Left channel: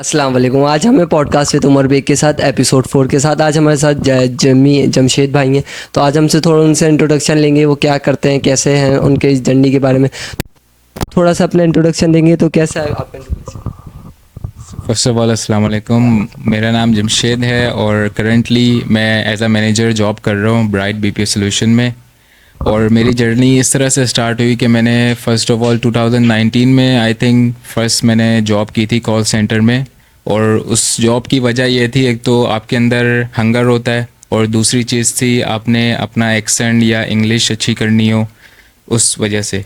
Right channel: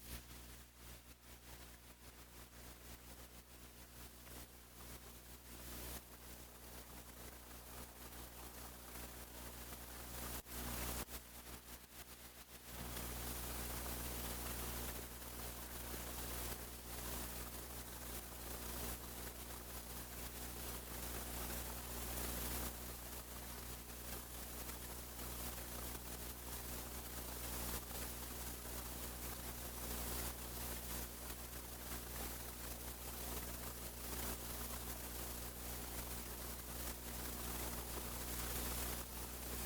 अस्सलाम वालेकुम। आज हमें पॉडकास्ट विद उमर बेग के साथ एपिसोड 4 के साथ आज हमारे साथ जमशेद भाई हैं। तो आज हमसे थोड़ा उनसे इंट्रोडक्शन लेंगे, वो क्या करते हैं, कैसे हैं, उनके इस जर्नी के बारे में थोड़ा सा अपना इंट्रोडक्शन देंगे। तो कैसा है आपका introduction? फ़र्स्ट ऑफ़ ऑल अस्सलाम वालेकुम। मेरा नाम जमशेद है और करंटली मैं एज अ मैनेजर जॉब कर रहा हूँ ब्राइट बीपीओ सॉल्यूशन में। और मेरी जर्नी इस तरह से स्टार्ट हुई कि मैंने फ़र्स्ट ऑफ़ ऑल 2019 में आई थिंक फ़र्स्ट मैंने जॉब की थी कॉल सेंटर में। और उस जॉब की वजह ये थी, एक तो आपके अंदर हंगर होता है और दूसरी चीज़ थी आपने अपना एक्सेंट या इंग्लिश अच्छी करनी हो उस वजह से।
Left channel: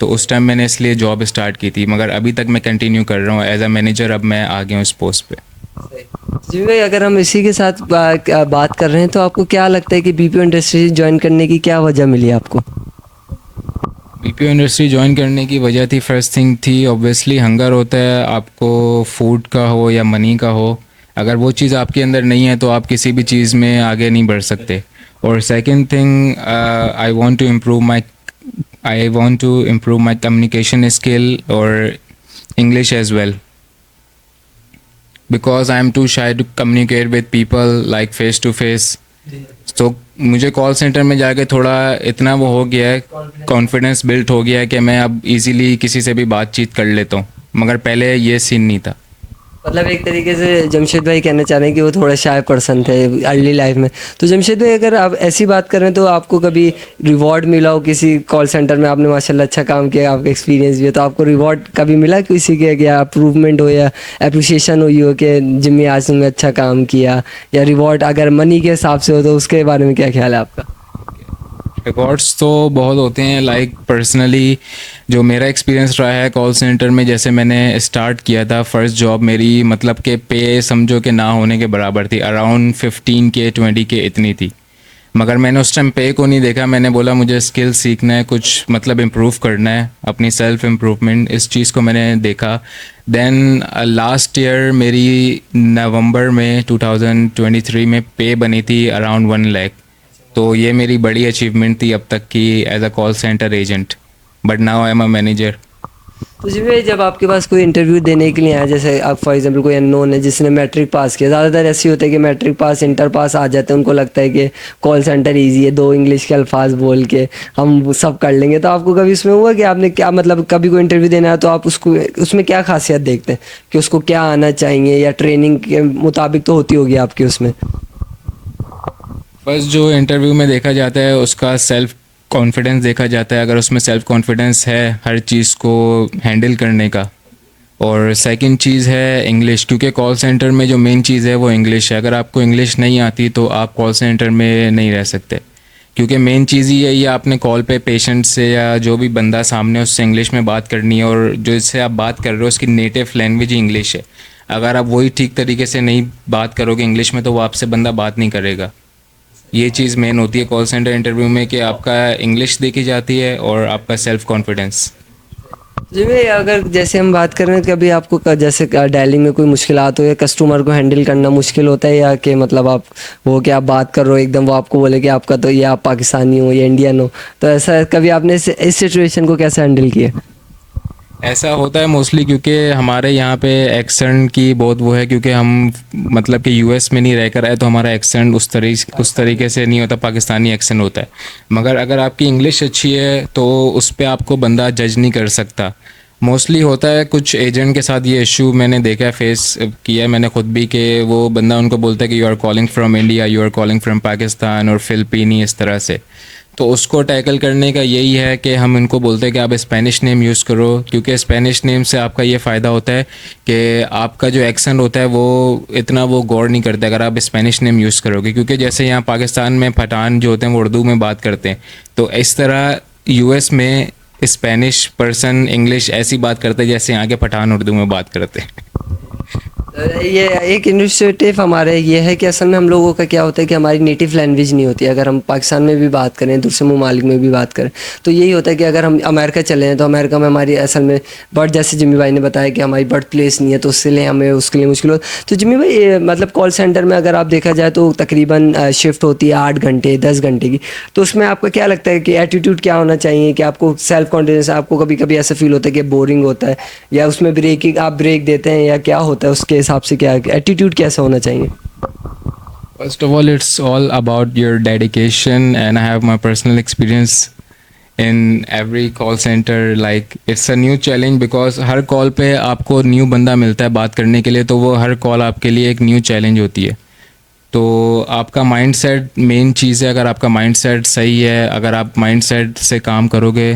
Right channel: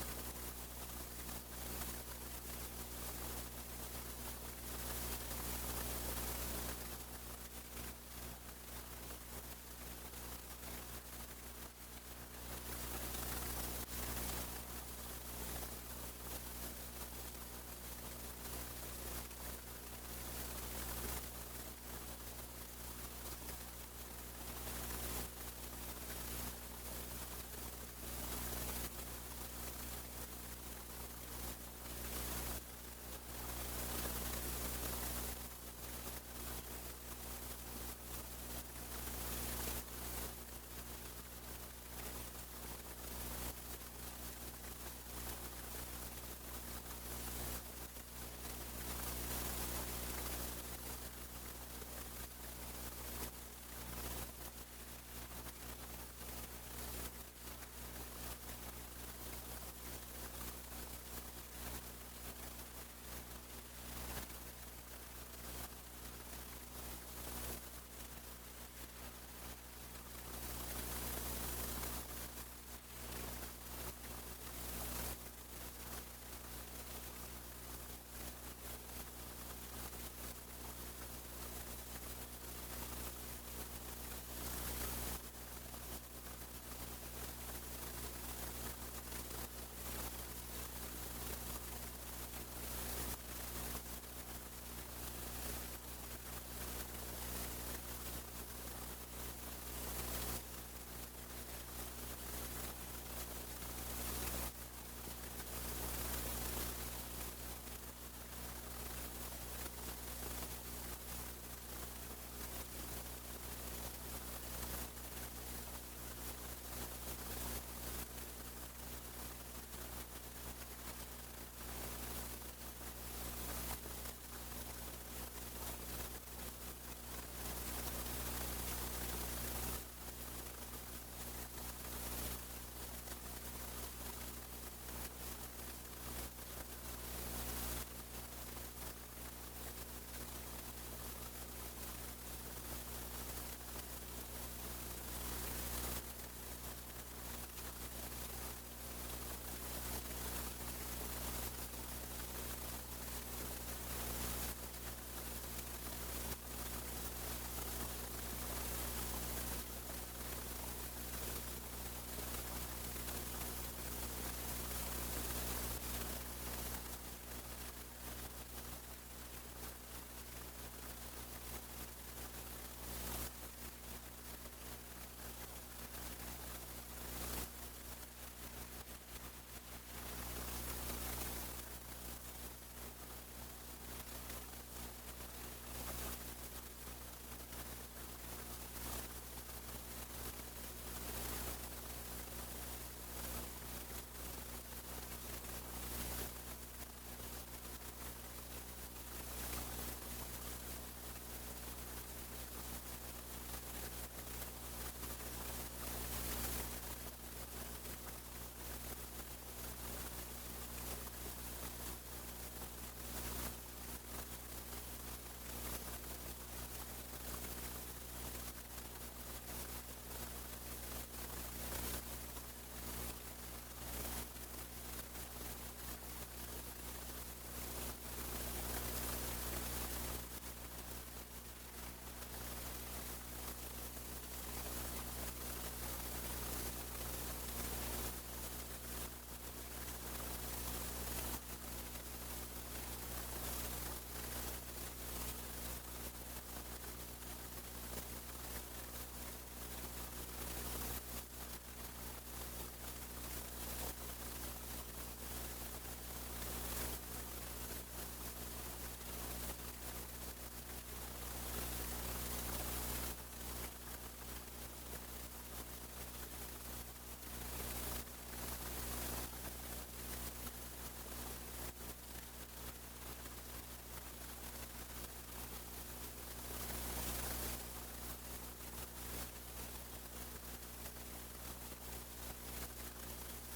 तो उस टाइम मैंने इसलिए जॉब स्टार्ट की थी, मगर अभी तक मैं कंटिन्यू कर रहा हूँ एज अ मैनेजर। अब मैं आ गया हूँ इस पोस्ट पे। जी भाई, अगर हम इसी के साथ बात कर रहे हैं तो आपको क्या लगता है कि बीपीओ इंडस्ट्री ज्वाइन करने की क्या वजह मिली आपको? बीपीओ इंडस्ट्री ज्वाइन करने की वजह थी, फर्स्ट थिंग थी ऑब्वियसली हंगर होता है, आपको फूड का हो या मनी का हो। अगर वो चीज़ आपके अंदर नहीं है तो आप किसी भी चीज़ में आगे नहीं बढ़ सकते। और second thing, I want to improve my communication skill और English as well, because I am too shy to communicate with people like face to face. तो मुझे कॉल सेंटर में जाके थोड़ा इतना वो हो गया है, कॉन्फिडेंस बिल्ट हो गया है कि मैं अब इजीली किसी से भी बातचीत कर लेता हूँ, मगर पहले ये सीन नहीं था। मतलब एक तरीके से जमशेद भाई कहना चाह रहे हैं कि वो थोड़ा शाय पर्सन थे अर्ली लाइफ में। तो जमशेद भाई, अगर आप ऐसी बात करें तो आपको कभी रिवॉर्ड मिला हो किसी कॉल सेंटर में? आपने माशाल्लाह अच्छा काम किया, आपका एक्सपीरियंस भी है, तो आपको रिवॉर्ड कभी मिला किसी के, या अप्रूवमेंट हो या अप्रिसिएशन हुई हो कि जिम्मी आज तुमने अच्छा काम किया, या रिवॉर्ड अगर मनी के हिसाब से हो तो उसके बारे में क्या ख्याल है आपका? रिकॉर्ड्स तो बहुत होते हैं, लाइक पर्सनली जो मेरा एक्सपीरियंस रहा है कॉल सेंटर में, जैसे मैंने स्टार्ट किया था फर्स्ट जॉब मेरी, मतलब कि पे समझो कि ना होने के बराबर थी, अराउंड 15K 20K इतनी थी। मगर मैंने उस टाइम पे को नहीं देखा, मैंने बोला मुझे स्किल सीखना है, कुछ मतलब इम्प्रूव करना है, अपनी सेल्फ इम्प्रूवमेंट, इस चीज़ को मैंने देखा। देन लास्ट ईयर मेरी नवंबर में 2023 में पे बनी थी अराउंड 1 लाख। तो ये मेरी बड़ी अचीवमेंट थी अब तक की as a call centre agent, but now I am a manager. तो जी भाई, जब आपके पास कोई इंटरव्यू देने के लिए आया, जैसे आप फॉर एग्जांपल कोई अननोन है जिसने मैट्रिक पास किया, ज़्यादातर ऐसे होता है कि मैट्रिक पास इंटर पास आ जाते हैं, उनको लगता है कि कॉल सेंटर इजी है, दो इंग्लिश के अल्फाज बोल के हम वो सब कर लेंगे। तो आपको कभी इसमें हुआ कि आपने क्या, मतलब कभी कोई इंटरव्यू देना है तो आप उसको उसमें क्या खासियत देखते हैं कि उसको क्या आना चाहिए, या ट्रेनिंग के मुताबिक तो होती होगी आपकी उसमें? बस जो इंटरव्यू में देखा जाता है उसका सेल्फ कॉन्फिडेंस देखा जाता है, अगर उसमें सेल्फ कॉन्फिडेंस है हर चीज़ को हैंडल करने का। और सेकंड चीज़ है इंग्लिश, क्योंकि कॉल सेंटर में जो मेन चीज़ है वो इंग्लिश है। अगर आपको इंग्लिश नहीं आती तो आप कॉल सेंटर में नहीं रह सकते, क्योंकि मेन चीज़ ही यही है, आपने कॉल पे पेशेंट से या जो भी बंदा सामने है उससे इंग्लिश में बात करनी है, और जो इससे आप बात कर रहे हो उसकी नेटिव लैंग्वेज ही इंग्लिश है। अगर आप वही ठीक तरीके से नहीं बात करोगे इंग्लिश में तो वो आपसे बंदा बात नहीं करेगा। ये चीज़ मेन होती है कॉल सेंटर इंटरव्यू में, कि आपका इंग्लिश देखी जाती है और आपका सेल्फ कॉन्फिडेंस। जी भाई, अगर जैसे हम बात करें कभी आपको जैसे डायलिंग में कोई मुश्किलात हो, या कस्टमर को हैंडल करना मुश्किल होता है, या कि मतलब आप वो कि आप बात कर रहे हो एकदम वो आपको बोले कि आपका तो ये आप पाकिस्तानी हो या इंडियन हो, तो ऐसा कभी आपने इस सिचुएशन को कैसे हैंडल किया? ऐसा होता है मोस्टली, क्योंकि हमारे यहाँ पे एक्सेंट की बहुत वो है, क्योंकि हम मतलब कि यूएस में नहीं रह कर आए तो हमारा एक्सेंट उस तरीके से नहीं होता, पाकिस्तानी एक्सेंट होता है। मगर अगर आपकी इंग्लिश अच्छी है तो उस पर आपको बंदा जज नहीं कर सकता। मोस्टली होता है कुछ एजेंट के साथ ये इशू मैंने देखा है, फेस किया है मैंने खुद भी, कि वो बंदा उनको बोलता है कि you are calling from India, you are calling from Pakistan और फ़िलिपीनी, इस तरह से। तो उसको टैकल करने का यही है कि हम इनको बोलते हैं कि आप स्पेनिश नेम यूज़ करो, क्योंकि स्पेनिश नेम से आपका ये फ़ायदा होता है कि आपका जो एक्सेंट होता है वो इतना वो गौर नहीं करता अगर आप स्पेनिश नेम यूज़ करोगे। क्योंकि जैसे यहाँ पाकिस्तान में पठान जो होते हैं वो उर्दू में बात करते हैं, तो इस तरह यूएस में स्पेनिश पर्सन इंग्लिश ऐसी बात करते हैं जैसे यहाँ के पठान उर्दू में बात करते हैं। ये एक इनिशिएटिव हमारे ये है कि असल में हम लोगों का क्या होता है कि हमारी नेटिव लैंग्वेज नहीं होती है। अगर हम पाकिस्तान में भी बात करें, दूसरे ममालिक में भी बात करें, तो यही होता है कि अगर हम अमेरिका चले हैं तो अमेरिका में हमारी असल में बर्थ, जैसे जिम्मी भाई ने बताया कि हमारी बर्थ प्लेस नहीं है, तो उसके लिए हमें उसके लिए मुश्किल हो। तो जिम्मी भाई, मतलब कॉल सेंटर में अगर आप देखा जाए तो तकरीबन शिफ्ट होती है 8 घंटे 10 घंटे की, तो उसमें आपका क्या लगता है कि एटीट्यूड क्या होना चाहिए, कि आपको सेल्फ कॉन्फिडेंस, आपको कभी कभी ऐसा फील होता है कि बोरिंग होता है, या उसमें ब्रेकिंग आप ब्रेक देते हैं, या क्या होता है उसके हिसाब हिसाब से क्या एटीट्यूड कैसा होना चाहिए? First of all, it's all about your dedication, and I have my personal experience in every call center. Like it's a new challenge because her call पे आपको न्यू बंदा मिलता है बात करने के लिए, तो वो हर कॉल आपके लिए एक न्यू चैलेंज होती है। तो आपका माइंडसेट मेन चीज़ है। अगर आपका माइंडसेट सही है, अगर आप माइंडसेट से काम करोगे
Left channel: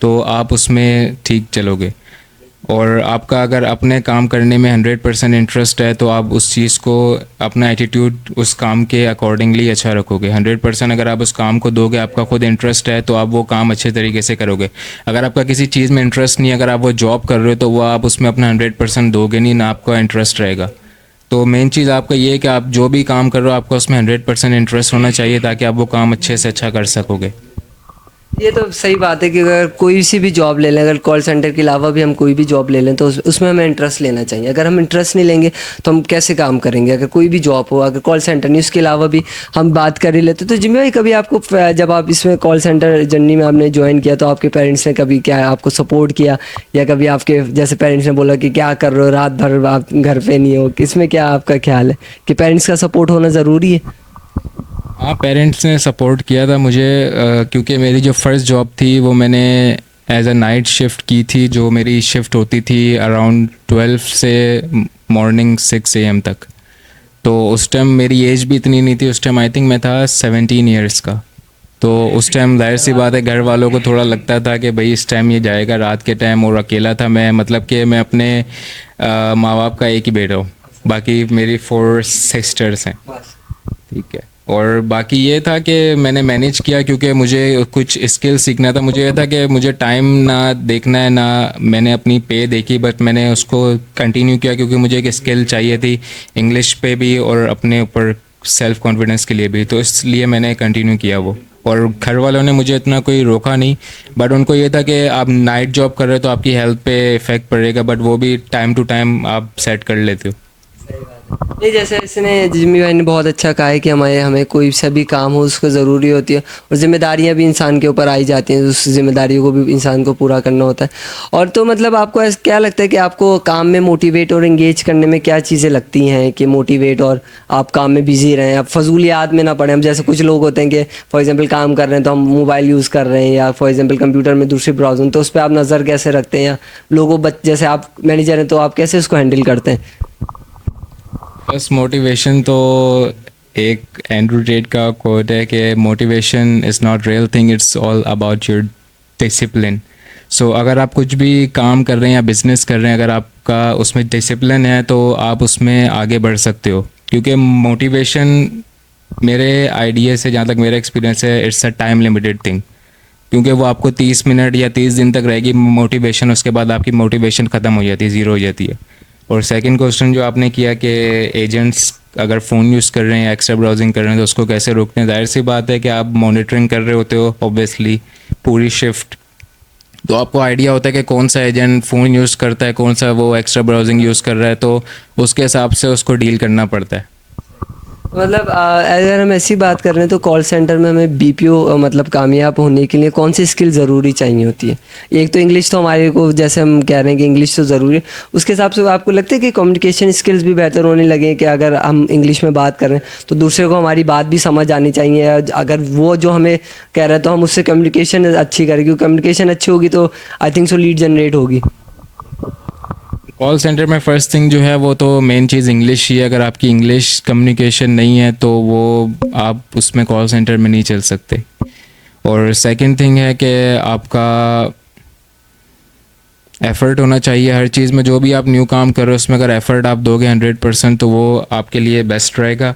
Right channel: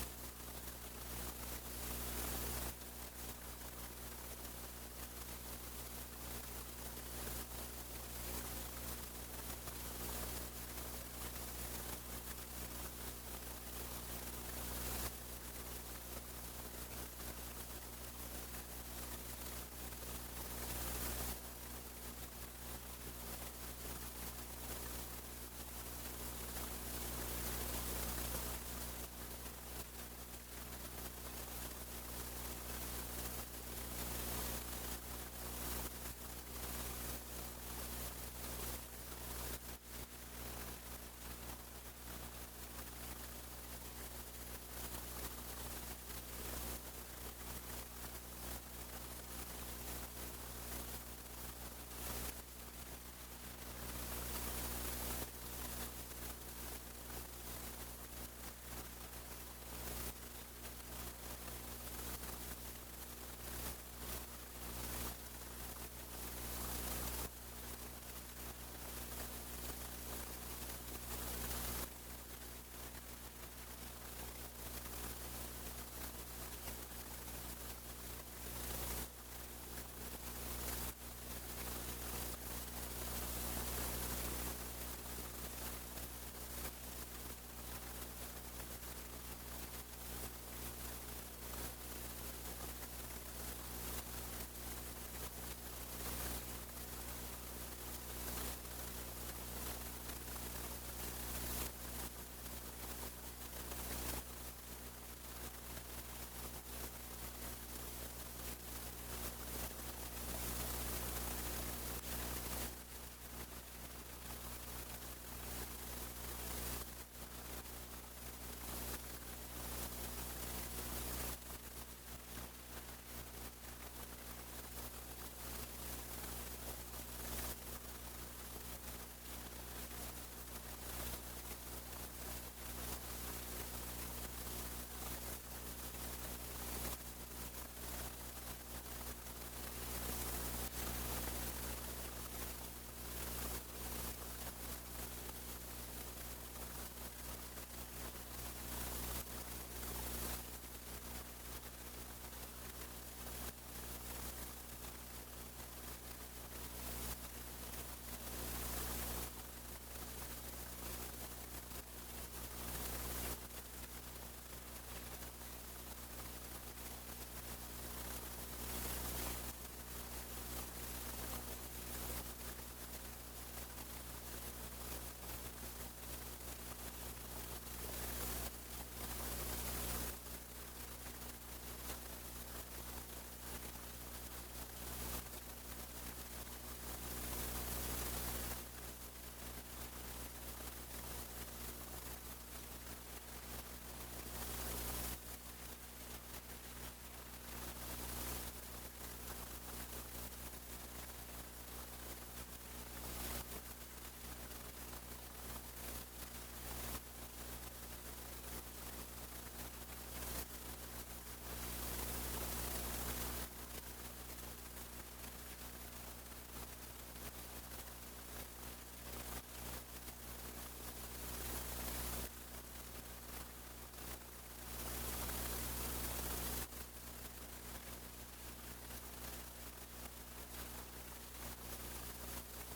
तो आप उसमें ठीक चलोगे। और आपका अगर अपने काम करने में 100% इंटरेस्ट है तो आप उस चीज़ को, अपना एटीट्यूड उस काम के अकॉर्डिंगली अच्छा रखोगे। 100% अगर आप उस काम को दोगे, आपका खुद इंटरेस्ट है तो आप वो काम अच्छे तरीके से करोगे। अगर आपका किसी चीज़ में इंटरेस्ट नहीं है, अगर आप वो जॉब कर रहे हो तो वो आप उसमें अपना 100% दोगे नहीं, ना आपका इंटरेस्ट रहेगा। तो मेन चीज़ आपका ये है कि आप जो भी काम कर रहे हो आपको उसमें 100% इंटरेस्ट होना चाहिए, ताकि आप वो काम अच्छे से अच्छा कर सकोगे। ये तो सही बात है कि अगर कोई सी भी जॉब ले लें, अगर कॉल सेंटर के अलावा भी हम कोई भी जॉब ले लें तो उसमें हमें इंटरेस्ट लेना चाहिए। अगर हम इंटरेस्ट नहीं लेंगे तो हम कैसे काम करेंगे? अगर कोई भी जॉब हो, अगर कॉल सेंटर नहीं, उसके अलावा भी हम बात कर ही लेते, तो जिम्मे भाई कभी आपको जब आप इसमें कॉल सेंटर जर्नी में आपने ज्वाइन किया तो आपके पेरेंट्स ने कभी क्या आपको सपोर्ट किया, या कभी आपके जैसे पेरेंट्स ने बोला कि क्या कर रहे हो, रात भर आप घर पे नहीं हो? इसमें क्या आपका ख्याल है कि पेरेंट्स का सपोर्ट होना ज़रूरी है? हाँ, पेरेंट्स ने सपोर्ट किया था मुझे, क्योंकि मेरी जो फर्स्ट जॉब थी वो मैंने एज अ नाइट शिफ्ट की थी। जो मेरी शिफ्ट होती थी अराउंड 12 से मॉर्निंग 6 AM तक। तो उस टाइम मेरी एज भी इतनी नहीं थी, उस टाइम आई थिंक मैं था 17 ईयर्स का। तो उस टाइम जाहिर सी बात है घर वालों को थोड़ा लगता था कि भाई इस टाइम ये जाएगा रात के टाइम, और अकेला था मैं, मतलब कि मैं अपने माँ बाप का एक ही बेटा हूँ, बाकी मेरी 4 सिस्टर्स हैं, ठीक है। और बाकी ये था कि मैंने मैनेज किया, क्योंकि मुझे कुछ स्किल सीखना था। मुझे ये था कि मुझे टाइम ना देखना है, ना मैंने अपनी पे देखी, बट मैंने उसको कंटिन्यू किया क्योंकि मुझे एक स्किल चाहिए थी इंग्लिश पे भी और अपने ऊपर सेल्फ कॉन्फिडेंस के लिए भी, तो इसलिए मैंने कंटिन्यू किया वो। और घर वालों ने मुझे इतना कोई रोका नहीं, बट उनको ये था कि आप नाइट जॉब कर रहे हो तो आपकी हेल्थ पे इफ़ेक्ट पड़ेगा, बट वो भी टाइम टू टाइम आप सेट कर लेते हो। नहीं, जैसे इसने जिम्मी भाई ने बहुत अच्छा कहा है कि हमें कोई सा भी काम हो उसको ज़रूरी होती है, और ज़िम्मेदारियां भी इंसान के ऊपर आई जाती हैं, उस ज़िम्मेदारियों को भी इंसान को पूरा करना होता है। और तो मतलब आपको क्या लगता है कि आपको काम में मोटिवेट और एंगेज करने में क्या चीज़ें लगती हैं कि मोटिवेट और आप काम में बिजी रहें, आप फजूलियात में ना पड़ें? हम जैसे कुछ लोग होते हैं कि फॉर एग्जाम्पल काम कर रहे हैं तो हम मोबाइल यूज़ कर रहे हैं, या फॉर एग्जाम्पल कंप्यूटर में दूसरी ब्राउजिंग, तो उस पर आप नज़र कैसे रखते हैं? या लोगों जैसे आप मैनेजर हैं तो आप कैसे उसको हैंडल करते हैं? बस मोटिवेशन तो एक एंड्रू टेट का कोट है कि motivation is not real thing, it's all about your discipline. So अगर आप कुछ भी काम कर रहे हैं या बिज़नेस कर रहे हैं, अगर आपका उसमें डिसिप्लिन है तो आप उसमें आगे बढ़ सकते हो। क्योंकि मोटिवेशन मेरे आइडिया से, जहाँ तक मेरा एक्सपीरियंस है, it's a time limited thing, क्योंकि वो आपको 30 मिनट या 30 दिन तक रहेगी मोटिवेशन, उसके बाद आपकी मोटिवेशन ख़त्म हो जाती है, ज़ीरो हो जाती है। और सेकंड क्वेश्चन जो आपने किया कि एजेंट्स अगर फ़ोन यूज़ कर रहे हैं या एक्स्ट्रा ब्राउजिंग कर रहे हैं तो उसको कैसे रोकते हैं, जाहिर सी बात है कि आप मॉनिटरिंग कर रहे होते हो ऑब्वियसली पूरी शिफ्ट, तो आपको आइडिया होता है कि कौन सा एजेंट फ़ोन यूज़ करता है, कौन सा वो एक्स्ट्रा ब्राउजिंग यूज़ कर रहा है, तो उसके हिसाब से उसको डील करना पड़ता है। मतलब अगर हम ऐसी बात कर रहे हैं तो कॉल सेंटर में हमें बीपीओ मतलब कामयाब होने के लिए कौन सी स्किल ज़रूरी चाहिए होती है? एक तो इंग्लिश, तो हमारे को जैसे हम कह रहे हैं कि इंग्लिश तो ज़रूरी है, उसके हिसाब से आपको लगता है कि कम्युनिकेशन स्किल्स भी बेहतर होने लगे कि अगर हम इंग्लिश में बात कर रहे हैं तो दूसरे को हमारी बात भी समझ आनी चाहिए, अगर वो जो हमें कह रहा है तो हम उससे कम्युनिकेशन अच्छी करें, क्योंकि कम्युनिकेशन अच्छी होगी तो I think so lead generate होगी। कॉल सेंटर में फ़र्स्ट थिंग जो है वो तो मेन चीज़ इंग्लिश ही है। अगर आपकी इंग्लिश कम्युनिकेशन नहीं है तो वो आप उसमें कॉल सेंटर में नहीं चल सकते। और सेकंड थिंग है कि आपका एफ़र्ट होना चाहिए हर चीज़ में। जो भी आप न्यू काम कर रहे हो उसमें अगर एफ़र्ट आप दोगे 100% तो वो आपके लिए बेस्ट रहेगा।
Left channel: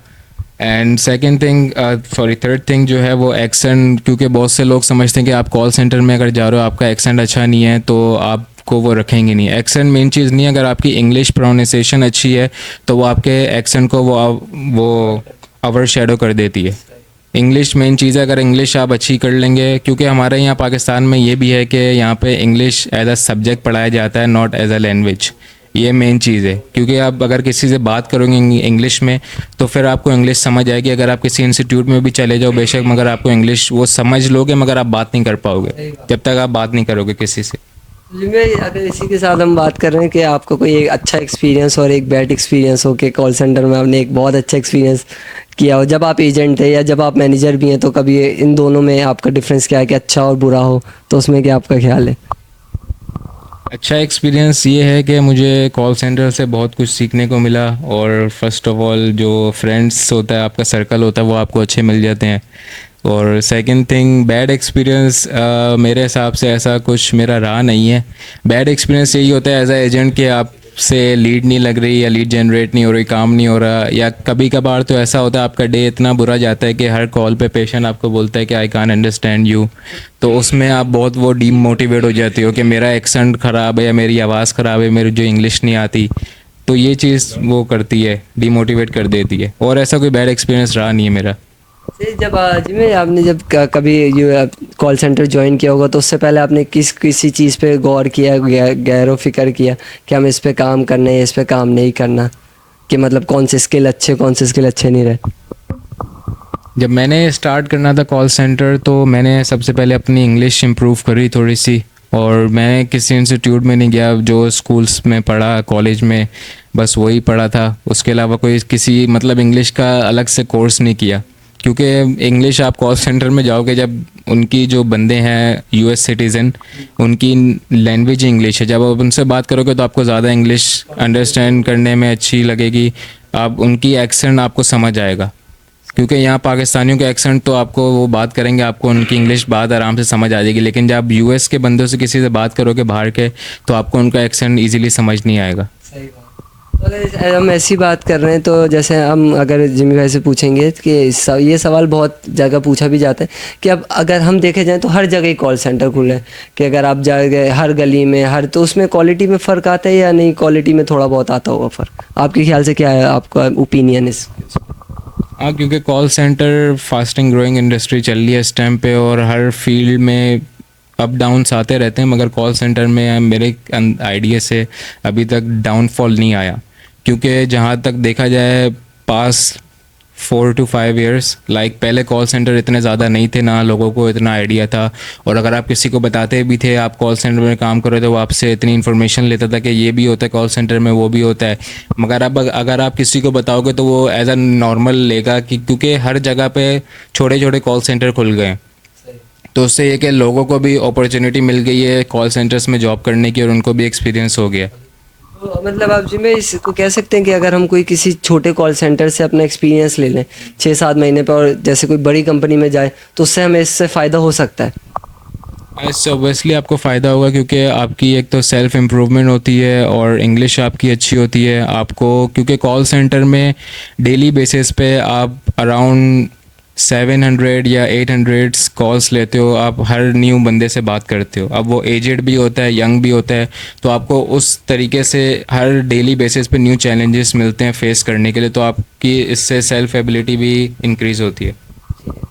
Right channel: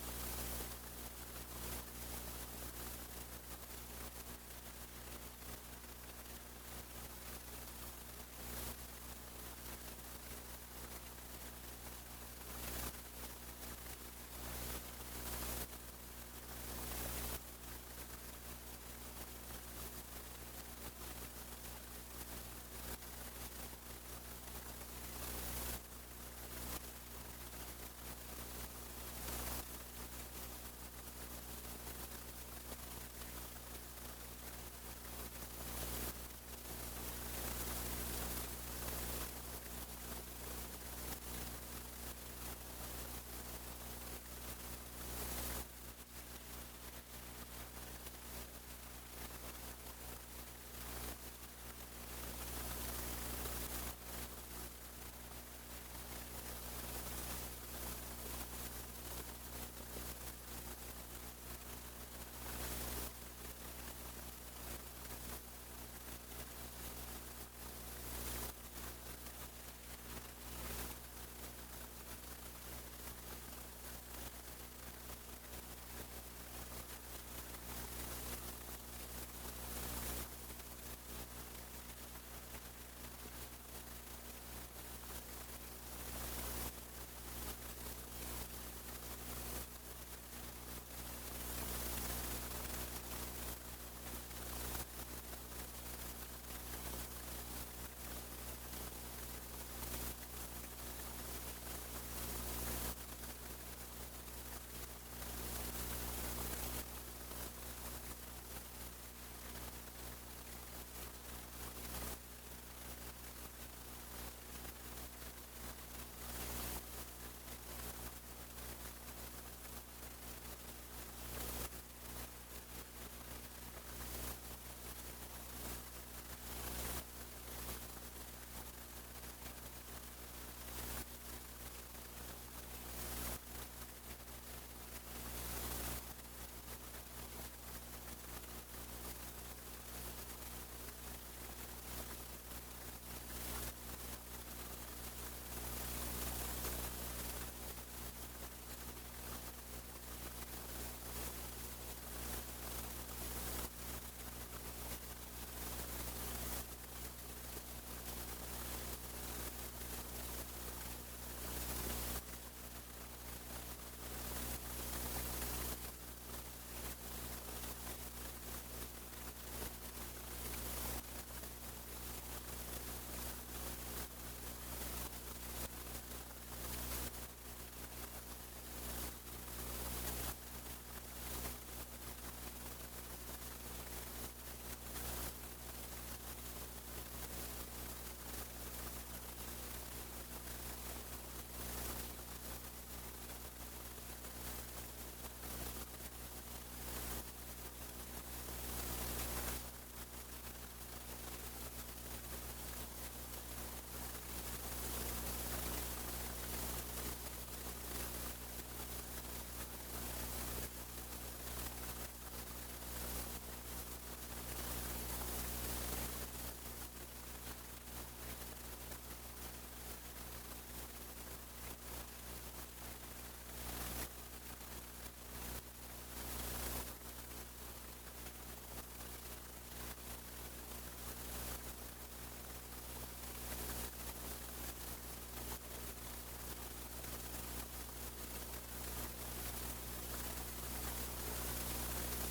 And second thing third thing जो है वो एक्सेंट, क्योंकि बहुत से लोग समझते हैं कि आप कॉल सेंटर में अगर जा रहे हो आपका एक्सेंट अच्छा नहीं है तो आपको वो रखेंगे नहीं। एक्सेंट मेन चीज़ नहीं है, अगर आपकी इंग्लिश प्रोनाउंसिएशन अच्छी है तो वो आपके एक्सेंट को वो ओवर शेडो कर देती है। इंग्लिश मेन चीज़ है, अगर इंग्लिश आप अच्छी कर लेंगे, क्योंकि हमारे यहाँ पाकिस्तान में ये भी है कि यहाँ पे इंग्लिश एज अ सब्जेक्ट पढ़ाया जाता है, नॉट एज अ लैंग्वेज। ये मेन चीज़ है, क्योंकि आप अगर किसी से बात करोगे इंग्लिश में तो फिर आपको इंग्लिश समझ आएगी। अगर आप किसी इंस्टीट्यूट में भी चले जाओ बेशक, मगर आपको इंग्लिश वो समझ लोगे मगर आप बात नहीं कर पाओगे जब तक आप बात नहीं करोगे किसी से। जी मैं अगर इसी के साथ हम बात कर रहे हैं कि आपका कोई एक अच्छा एक्सपीरियंस और एक बैड एक्सपीरियंस हो कि कॉल सेंटर में आपने एक बहुत अच्छा एक्सपीरियंस किया हो जब आप एजेंट थे या जब आप मैनेजर भी हैं, तो कभी इन दोनों में आपका डिफरेंस क्या है कि अच्छा और बुरा हो, तो उसमें क्या आपका ख्याल है? अच्छा एक्सपीरियंस ये है कि मुझे कॉल सेंटर से बहुत कुछ सीखने को मिला। और फर्स्ट ऑफ ऑल जो फ्रेंड्स होता है, आपका सर्कल होता है, वो आपको अच्छे मिल जाते हैं। और सेकंड थिंग, बैड एक्सपीरियंस मेरे हिसाब से ऐसा कुछ मेरा रहा नहीं है। बैड एक्सपीरियंस यही होता है एज अ एजेंट कि आपसे लीड नहीं लग रही या लीड जनरेट नहीं हो रही, काम नहीं हो रहा, या कभी कभार तो ऐसा होता है आपका डे इतना बुरा जाता है कि हर कॉल पे पेशेंट आपको बोलता है कि आई कान अंडरस्टैंड यू। तो उसमें आप बहुत वो डीमोटिवेट हो जाते हो कि मेरा एक्सेंट ख़राब है या मेरी आवाज़ ख़राब है, मेरी जो इंग्लिश नहीं आती। तो ये चीज़ वो करती है, डीमोटिवेट कर देती है। और ऐसा कोई बैड एक्सपीरियंस रहा नहीं है मेरा। जी जब जी में आपने जब कभी ये कॉल सेंटर ज्वाइन किया होगा, तो उससे पहले आपने किसी चीज़ पे गौर किया, गैरो फिक्र किया कि हम इस पे काम करना है, इस पे काम नहीं करना, कि मतलब कौन से स्किल अच्छे नहीं रहे? जब मैंने स्टार्ट करना था कॉल सेंटर, तो मैंने सबसे पहले अपनी इंग्लिश इम्प्रूव करी थोड़ी सी। और मैं किसी इंस्टीट्यूट में नहीं गया, जो स्कूल्स में पढ़ा, कॉलेज में बस वही पढ़ा था। उसके अलावा कोई किसी मतलब इंग्लिश का अलग से कोर्स नहीं किया। क्योंकि इंग्लिश आप कॉल सेंटर में जाओगे, जब उनकी जो बंदे हैं यूएस सिटीज़न, उनकी लैंग्वेज इंग्लिश है। जब आप उनसे बात करोगे तो आपको ज़्यादा इंग्लिश अंडरस्टैंड करने में अच्छी लगेगी। आप उनकी एक्सेंट आपको समझ आएगा। क्योंकि यहाँ पाकिस्तानियों के एक्सेंट तो आपको वो बात करेंगे, आपको उनकी इंग्लिश बात आराम से समझ आ जाएगी। लेकिन जब आप यूएस के बंदों से किसी से बात करोगे बाहर के, तो आपको उनका एक्सेंट इजीली समझ नहीं आएगा। सही बात। अगर हम ऐसी बात कर रहे हैं, तो जैसे हम अगर जिमी भाई से पूछेंगे कि ये सवाल बहुत जगह पूछा भी जाता है कि अब अगर हम देखे जाएं तो हर जगह ही कॉल सेंटर खुले हैं, कि अगर आप जाएंगे हर गली में हर, तो उसमें क्वालिटी में फ़र्क आता है या नहीं, क्वालिटी में थोड़ा बहुत आता होगा फ़र्क? आपके ख्याल से क्या है आपका ओपिनियन इस? हाँ, क्योंकि call centre fasting growing industry चल रही है इस टाइम पे, और हर फील्ड में अप डाउन्स आते रहते हैं। मगर कॉल सेंटर में मेरे आइडिया से अभी तक डाउनफॉल नहीं आया। क्योंकि जहाँ तक देखा जाए, पास 4 to 5 years, लाइक पहले कॉल सेंटर इतने ज़्यादा नहीं थे, ना लोगों को इतना आइडिया था। और अगर आप किसी को बताते भी थे आप कॉल सेंटर में काम करो, तो वो आपसे इतनी इन्फॉर्मेशन लेता था कि ये भी होता है कॉल सेंटर में, वो भी होता है। मगर अब अगर आप किसी को बताओगे तो वो एज अ नॉर्मल लेगा, कि क्योंकि हर जगह पे छोटे छोटे कॉल सेंटर खुल गए हैं। तो उससे ये कि लोगों को भी अपॉर्चुनिटी मिल गई है कॉल सेंटर्स में जॉब करने की, और उनको भी एक्सपीरियंस हो गया। तो मतलब आप जी में इसको कह सकते हैं कि अगर हम कोई किसी छोटे कॉल सेंटर से अपना एक्सपीरियंस ले लें 6-7 महीने पर, और जैसे कोई बड़ी कंपनी में जाए, तो उससे हमें इससे फ़ायदा हो सकता है? इससे ऑब्वियसली आपको फ़ायदा होगा, क्योंकि आपकी एक तो सेल्फ इम्प्रूवमेंट होती है और इंग्लिश आपकी अच्छी होती है आपको। क्योंकि कॉल सेंटर में डेली बेसिस पे आप अराउंड 700 या 800 कॉल्स लेते हो। आप हर न्यू बंदे से बात करते हो, अब वो एजेड भी होता है, यंग भी होता है। तो आपको उस तरीके से हर डेली बेसिस पे न्यू चैलेंजेस मिलते हैं फेस करने के लिए। तो आपकी इससे सेल्फ एबिलिटी भी इंक्रीज़ होती है।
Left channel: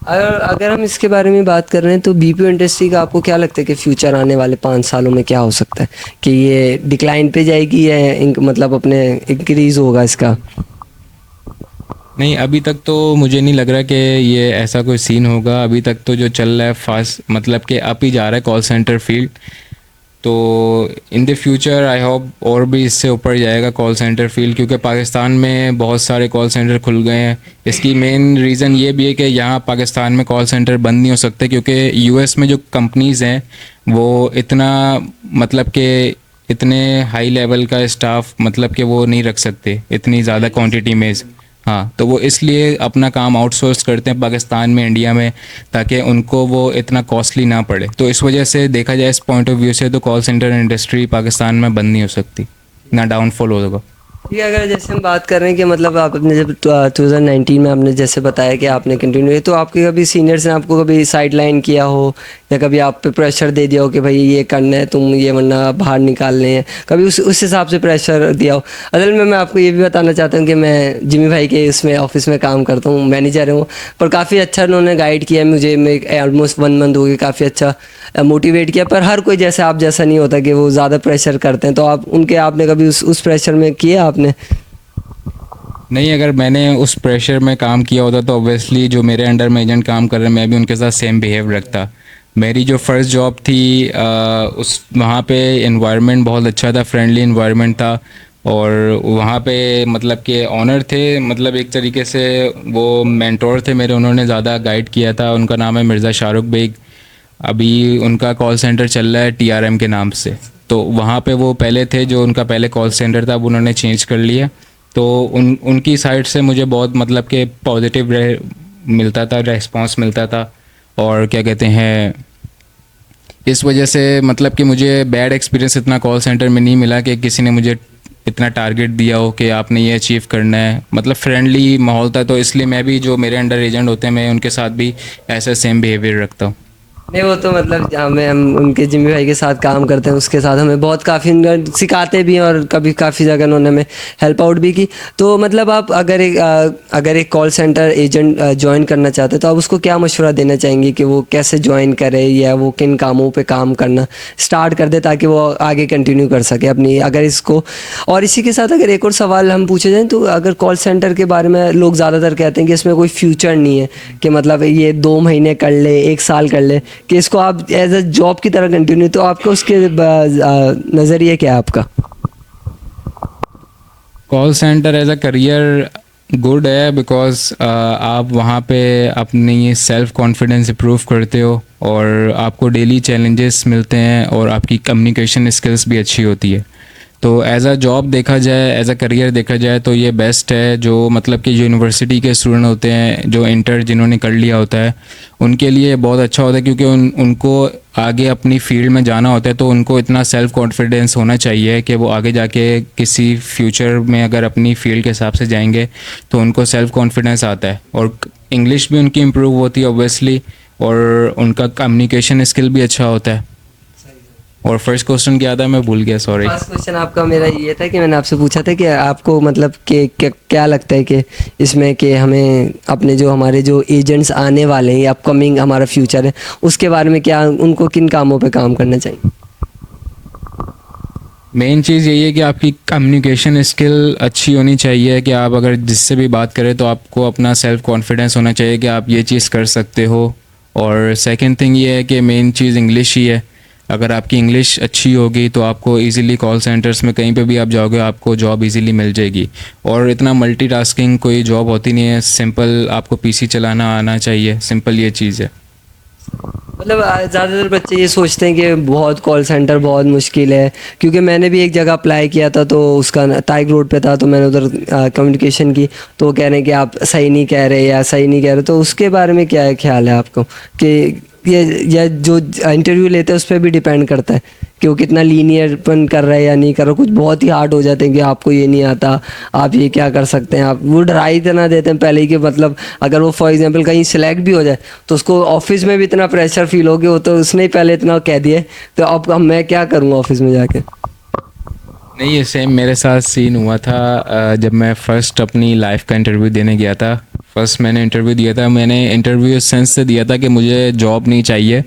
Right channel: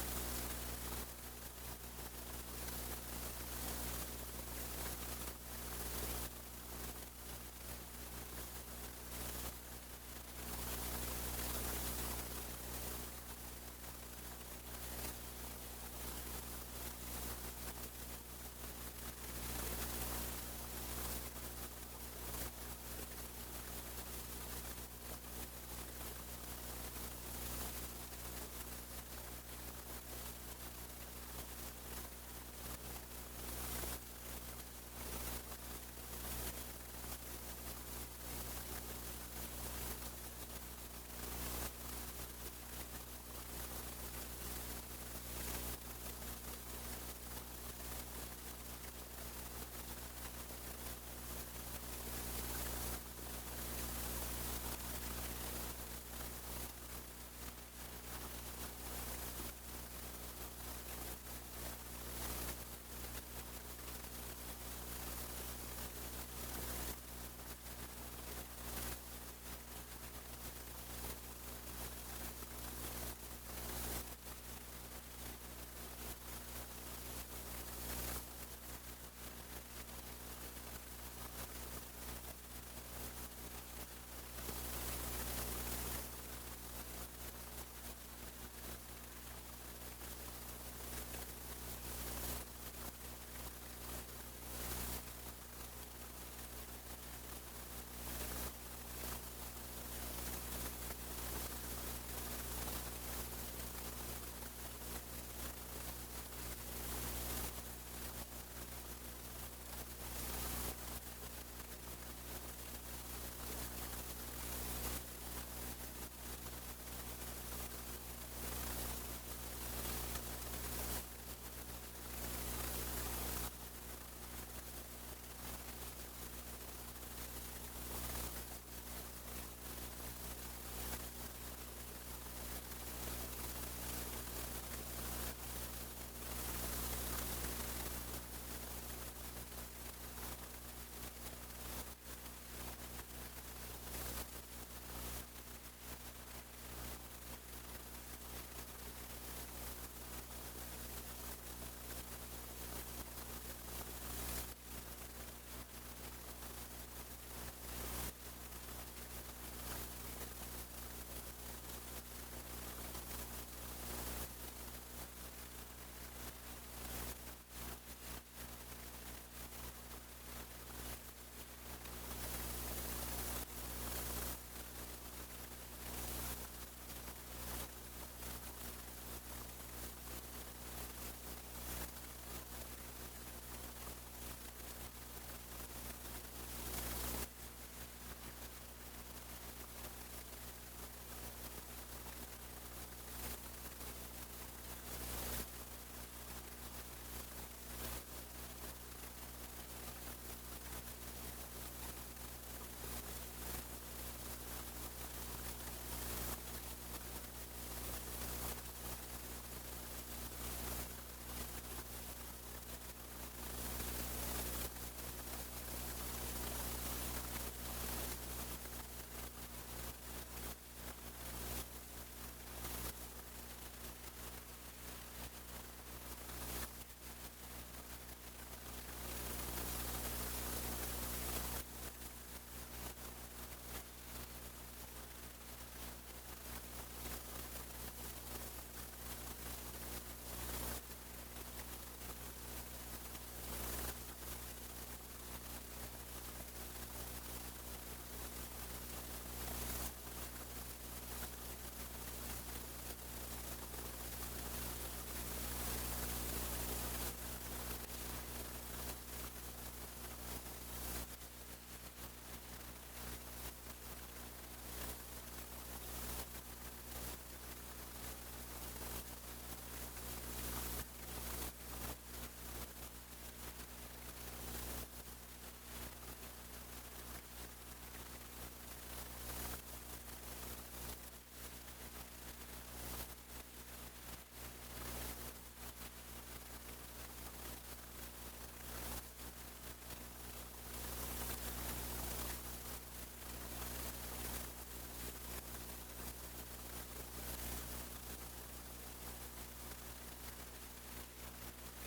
अगर अगर हम इसके बारे में बात कर रहे हैं, तो बीपीओ इंडस्ट्री का आपको क्या लगता है कि फ्यूचर आने वाले 5 सालों में क्या हो सकता है? कि ये डिक्लाइन पे जाएगी या मतलब अपने इंक्रीज़ होगा इसका? नहीं, अभी तक तो मुझे नहीं लग रहा कि ये ऐसा कोई सीन होगा। अभी तक तो जो चल रहा है फास्ट, मतलब कि अप ही जा रहा है कॉल सेंटर फील्ड। तो in the future I hope और भी इससे ऊपर जाएगा कॉल सेंटर फील्ड, क्योंकि पाकिस्तान में बहुत सारे कॉल सेंटर खुल गए हैं। इसकी मेन रीज़न ये भी है कि यहाँ पाकिस्तान में कॉल सेंटर बंद नहीं हो सकते, क्योंकि यूएस में जो कंपनीज़ हैं वो इतना, मतलब कि इतने हाई लेवल का स्टाफ, मतलब कि वो नहीं रख सकते इतनी ज़्यादा क्वांटिटी में। हाँ, तो वो इसलिए अपना काम आउटसोर्स करते हैं पाकिस्तान में, इंडिया में, ताकि उनको वो इतना कॉस्टली ना पड़े। तो इस वजह से देखा जाए इस पॉइंट ऑफ व्यू से, तो कॉल सेंटर इंडस्ट्री पाकिस्तान में बंद नहीं हो सकती, ना डाउनफॉल होगा। ठीक है, अगर जैसे हम बात कर रहे हैं कि मतलब आपने जब 2019 में आपने जैसे बताया कि आपने कंटिन्यू किया, तो आपके कभी सीनियर्स ने आपको कभी साइड लाइन किया हो, या कभी आप पे प्रेशर दे दिया हो कि भाई ये करना है तुम, ये वरना बाहर निकालने हैं, कभी उस हिसाब से प्रेशर दिया हो? असल में मैं आपको ये भी बताना चाहता हूँ कि मैं जिमी भाई के इसमें ऑफिस में काम करता हूँ, मैनेजर हूँ। पर काफ़ी अच्छा उन्होंने गाइड किया मुझे, मैं ऑलमोस्ट 1 मंथ हो गया, काफ़ी अच्छा मोटिवेट किया। पर हर कोई जैसे आप जैसा नहीं होता कि वो ज़्यादा प्रेशर करते हैं, तो आप उनके आपने कभी उस प्रेशर में किया आपने? नहीं, अगर मैंने उस प्रेशर में काम किया होता तो ऑब्वियसली जो मेरे अंडर में एजेंट काम कर रहे हैं, मैं भी उनके साथ सेम बिहेव रखता। मेरी जो फर्स्ट जॉब थी उस वहाँ पे एनवायरनमेंट बहुत अच्छा था, फ्रेंडली एनवायरनमेंट था। और वहाँ पे मतलब कि ऑनर थे, मतलब एक तरीके से वो मेंटोर थे मेरे, उन्होंने ज़्यादा गाइड किया था। उनका नाम है मिर्ज़ा शाहरुख बेग। अभी उनका कॉल सेंटर चल रहा है टीआरएम के नाम से। तो वहाँ पे वो पहले थे, जो उनका पहले कॉल सेंटर था, अब उन्होंने चेंज कर लिया। तो उनकी साइड से मुझे बहुत मतलब कि पॉजिटिव मिलता था, रेस्पॉन्स मिलता था। और क्या कहते हैं, इस वजह से मतलब कि मुझे बैड एक्सपीरियंस इतना कॉल सेंटर में नहीं मिला कि किसी ने मुझे इतना टारगेट दिया हो कि आपने ये अचीव करना है। मतलब फ्रेंडली माहौल था, तो इसलिए मैं भी जो मेरे अंडर एजेंट होते हैं मैं उनके साथ भी ऐसा सेम बिहेवियर रखता हूँ। नहीं वो तो मतलब हमें हम उनके जिम्मी भाई के साथ काम करते हैं, उसके साथ हमें बहुत काफ़ी सिखाते भी हैं और कभी काफ़ी जगह उन्होंने हमें हेल्प आउट भी की। तो मतलब आप अगर एक कॉल सेंटर एजेंट ज्वाइन करना चाहते हैं तो आप उसको क्या मशवरा देना चाहेंगे कि वो कैसे ज्वाइन करे या वो किन कामों पे काम करना स्टार्ट कर दे ताकि वो आगे कंटिन्यू कर सके अपनी अगर इसको। और इसी के साथ अगर एक और सवाल हम पूछे जाएँ तो अगर कॉल सेंटर के बारे में लोग ज़्यादातर कहते हैं कि इसमें कोई फ्यूचर नहीं है, कि मतलब ये 2 महीने कर ले 1 साल कर ले, कि इसको आप एज अ जॉब की तरह कंटिन्यू, तो आपका उसके नज़रिए क्या है आपका? Call centre as a career good है, बिकॉज आप वहाँ पे अपनी सेल्फ कॉन्फिडेंस इम्प्रूव करते हो और आपको डेली चैलेंजेस मिलते हैं और आपकी कम्युनिकेशन स्किल्स भी अच्छी होती है। तो एज अ जॉब देखा जाए, एज अ करियर देखा जाए तो ये बेस्ट है। जो मतलब कि जो यूनिवर्सिटी के स्टूडेंट होते हैं, जो इंटर जिन्होंने कर लिया होता है, उनके लिए बहुत अच्छा होता है, क्योंकि उनको आगे अपनी फील्ड में जाना होता है। तो उनको इतना सेल्फ कॉन्फिडेंस होना चाहिए कि वो आगे जाके किसी फ्यूचर में अगर अपनी फील्ड के हिसाब से जाएंगे तो उनको सेल्फ कॉन्फिडेंस आता है और इंग्लिश भी उनकी इम्प्रूव होती है ऑब्वियसली, और उनका कम्युनिकेशन स्किल भी अच्छा होता है। और फर्स्ट क्वेश्चन क्या था, मैं भूल गया, सॉरी। फर्स्ट क्वेश्चन आपका मेरा ये था कि मैंने आपसे पूछा था कि आपको मतलब कि क्या लगता है कि इसमें कि हमें अपने जो हमारे जो एजेंट्स आने वाले हैं, अपकमिंग हमारा फ्यूचर है, उसके बारे में क्या उनको किन कामों पे काम करना चाहिए? मेन चीज़ यही है कि आपकी कम्युनिकेशन स्किल अच्छी होनी चाहिए, कि आप अगर जिससे भी बात करें तो आपको अपना सेल्फ कॉन्फिडेंस होना चाहिए कि आप ये चीज़ कर सकते हो। और सेकंड थिंग ये है कि मेन चीज़ इंग्लिश ही है। अगर आपकी इंग्लिश अच्छी होगी तो आपको इजीली कॉल सेंटर्स में कहीं पे भी आप जाओगे आपको जॉब इजीली मिल जाएगी। और इतना मल्टीटास्किंग कोई जॉब होती नहीं है, सिंपल आपको पीसी चलाना आना चाहिए, सिंपल ये चीज़ है। मतलब ज़्यादातर बच्चे ये सोचते हैं कि बहुत कॉल सेंटर बहुत मुश्किल है, क्योंकि मैंने भी एक जगह अप्लाई किया था तो उसका ताइग रोड पे था, तो मैंने उधर कम्युनिकेशन की, तो वो कह रहे हैं कि आप सही नहीं कह रहे या सही नहीं कह रहे। तो उसके बारे में क्या ख्याल है आपको कि ये जो इंटरव्यू लेते हैं उस पर भी डिपेंड करता है कि वो कितना लीनियरपन कर रहा है या नहीं कर रहा। कुछ बहुत ही हार्ड हो जाते हैं कि आपको ये नहीं आता, आप ये क्या कर सकते हैं, आप वो डरा ही इतना देते हैं पहले ही कि मतलब अगर वो फॉर एग्जांपल कहीं सिलेक्ट भी हो जाए तो उसको ऑफिस में भी इतना प्रेशर फील हो गया, वो तो उसने ही पहले इतना कह दिया है, तो अब मैं क्या करूँगा ऑफिस में जाके। नहीं, ये सेम मेरे साथ सीन हुआ था जब मैं फ़र्स्ट अपनी लाइफ का इंटरव्यू देने गया था। फर्स्ट मैंने इंटरव्यू दिया था, मैंने इंटरव्यू इस सेंस से दिया था कि मुझे जॉब नहीं चाहिए,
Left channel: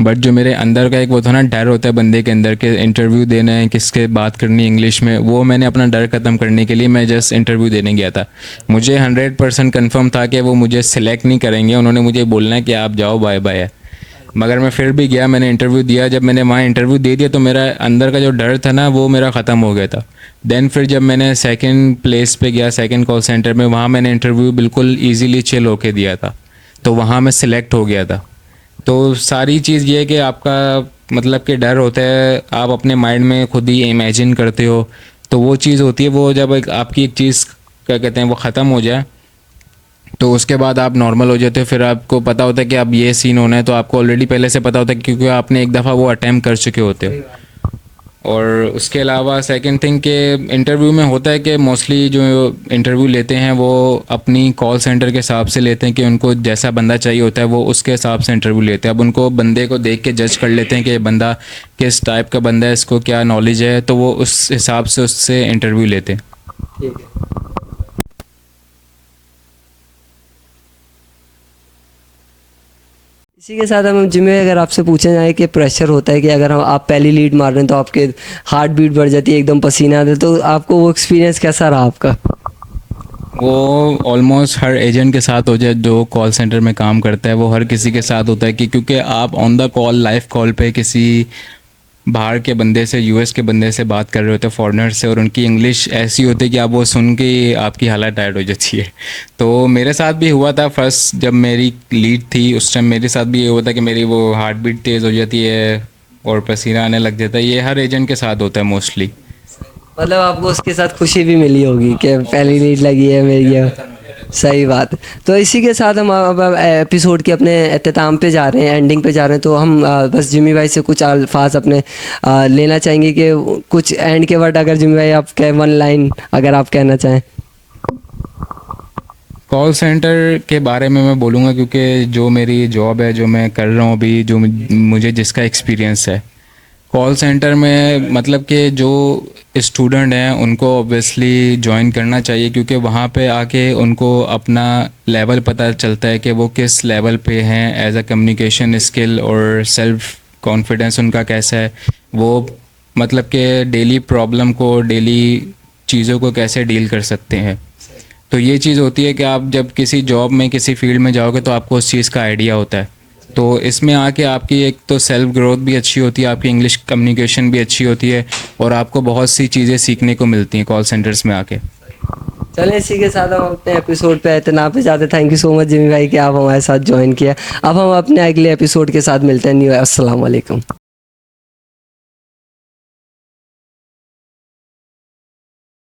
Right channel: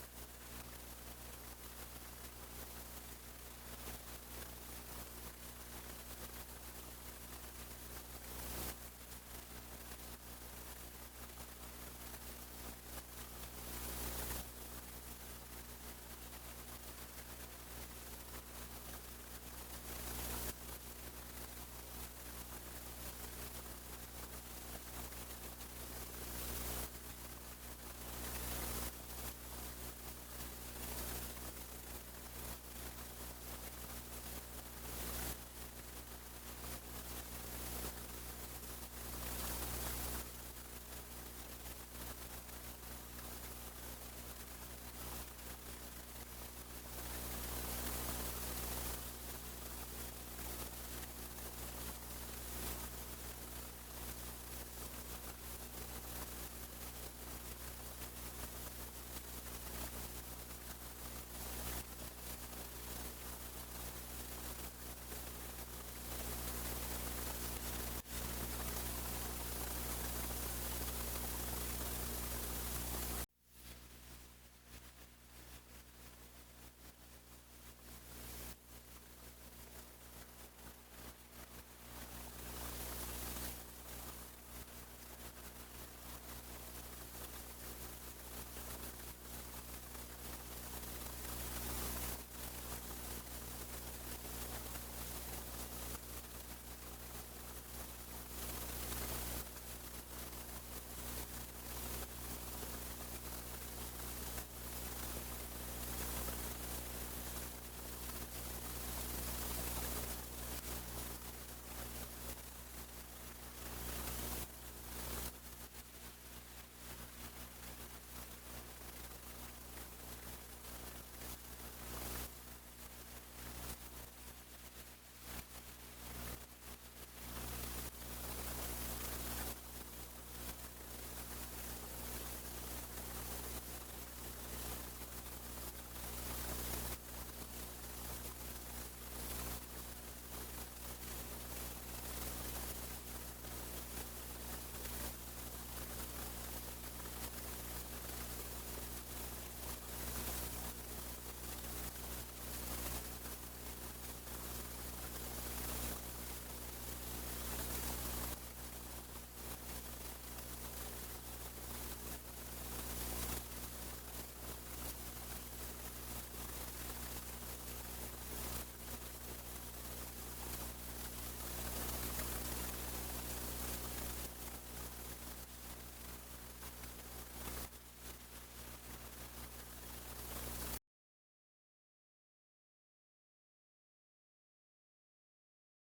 बट जो मेरे अंदर का एक वो था ना, डर होता है बंदे के अंदर के इंटरव्यू देना है, किसके बात करनी है इंग्लिश में, वो मैंने अपना डर ख़त्म करने के लिए मैं जस्ट इंटरव्यू देने गया था। मुझे 100% कन्फर्म था कि वो मुझे सिलेक्ट नहीं करेंगे, उन्होंने मुझे बोलना है कि आप जाओ बाय बाय। मगर मैं फिर भी गया, मैंने इंटरव्यू दिया। जब मैंने वहाँ इंटरव्यू दे दिया तो मेरा अंदर का जो डर था ना वो मेरा ख़त्म हो गया था। देन फिर जब मैंने सेकंड प्लेस पे गया, सेकंड कॉल सेंटर में, वहाँ मैंने इंटरव्यू बिल्कुल इजीली चिल होके दिया था, तो वहाँ मैं सिलेक्ट हो गया था। तो सारी चीज़ ये है कि आपका मतलब कि डर होता है, आप अपने माइंड में खुद ही इमेजिन करते हो, तो वो चीज़ होती है। वो जब आपकी एक चीज़ क्या कहते हैं वो ख़त्म हो जाए तो उसके बाद आप नॉर्मल हो जाते हो। फिर आपको पता होता है कि अब ये सीन होना है, तो आपको ऑलरेडी पहले से पता होता है क्योंकि आपने एक दफ़ा वो अटैम्प्ट कर चुके होते हो। और उसके अलावा सेकंड थिंग के इंटरव्यू में होता है कि मोस्टली जो इंटरव्यू लेते हैं वो अपनी कॉल सेंटर के हिसाब से लेते हैं कि उनको जैसा बंदा चाहिए होता है वो उसके हिसाब से इंटरव्यू लेते हैं। अब उनको बंदे को देख के जज कर लेते हैं कि ये बंदा किस टाइप का बंदा है, इसको क्या नॉलेज है, तो वो उस हिसाब से उससे इंटरव्यू लेते हैं। ठीक है। इसी के साथ हम जिम्मे अगर आपसे पूछा जाए कि प्रेशर होता है कि अगर हम आप पहली लीड मार रहे हैं तो आपके हार्ट बीट बढ़ जाती है, एकदम पसीना आता है, तो आपको वो एक्सपीरियंस कैसा रहा आपका? वो ऑलमोस्ट हर एजेंट के साथ हो जाए जो कॉल सेंटर में काम करता है, वो हर किसी के साथ होता है कि क्योंकि आप on the call, live call पे किसी बाहर के बंदे से, यूएस के बंदे से बात कर रहे होते हैं, फॉरेनर से, और उनकी इंग्लिश ऐसी होती है कि आप वो सुन के ही आपकी हालत टायर्ड हो जाती है। तो मेरे साथ भी हुआ था फर्स्ट, जब मेरी लीड थी उस टाइम मेरे साथ भी ये हुआ था कि मेरी वो हार्ट बीट तेज़ हो जाती है और पसीना आने लग जाता है। ये हर एजेंट के साथ होता है मोस्टली। मतलब आपको उसके साथ खुशी भी मिली होगी कि पहली नीड लगी है मेरी ये। सही बात। तो इसी के साथ हम अब एपिसोड के अपने अख्ताम पे जा रहे हैं, एंडिंग पे जा रहे हैं। तो हम बस जिमी भाई से कुछ अल्फाज अपने लेना चाहेंगे कि कुछ एंड के वर्ड, अगर जिमी भाई आप कह, वन लाइन अगर आप कहना चाहें। कॉल सेंटर के बारे में मैं बोलूँगा क्योंकि जो मेरी जॉब है, जो मैं कर रहा हूँ अभी, जो मुझे जिसका एक्सपीरियंस है कॉल सेंटर में, मतलब कि जो स्टूडेंट हैं उनको ऑब्वियसली ज्वाइन करना चाहिए क्योंकि वहाँ पे आके उनको अपना लेवल पता चलता है कि वो किस लेवल पे हैं एज अ कम्युनिकेशन स्किल, और सेल्फ कॉन्फिडेंस उनका कैसा है, वो मतलब कि डेली प्रॉब्लम को, डेली चीज़ों को कैसे डील कर सकते हैं। तो ये चीज़ होती है कि आप जब किसी जॉब में, किसी फील्ड में जाओगे तो आपको उस चीज़ का आइडिया होता है। तो इसमें आके आपकी एक तो सेल्फ ग्रोथ भी अच्छी होती है, आपकी इंग्लिश कम्युनिकेशन भी अच्छी होती है, और आपको बहुत सी चीज़ें सीखने को मिलती हैं कॉल सेंटर्स में आके। चलें, इसी के साथ हम अपने एपिसोड पे इतना पे जाते। Thank you so much Jimmy भाई कि आप हमारे साथ ज्वाइन किया। अब हम अपने अगले एपिसोड के साथ मिलते हैं। न्यू, अस्सलाम वालेकुम।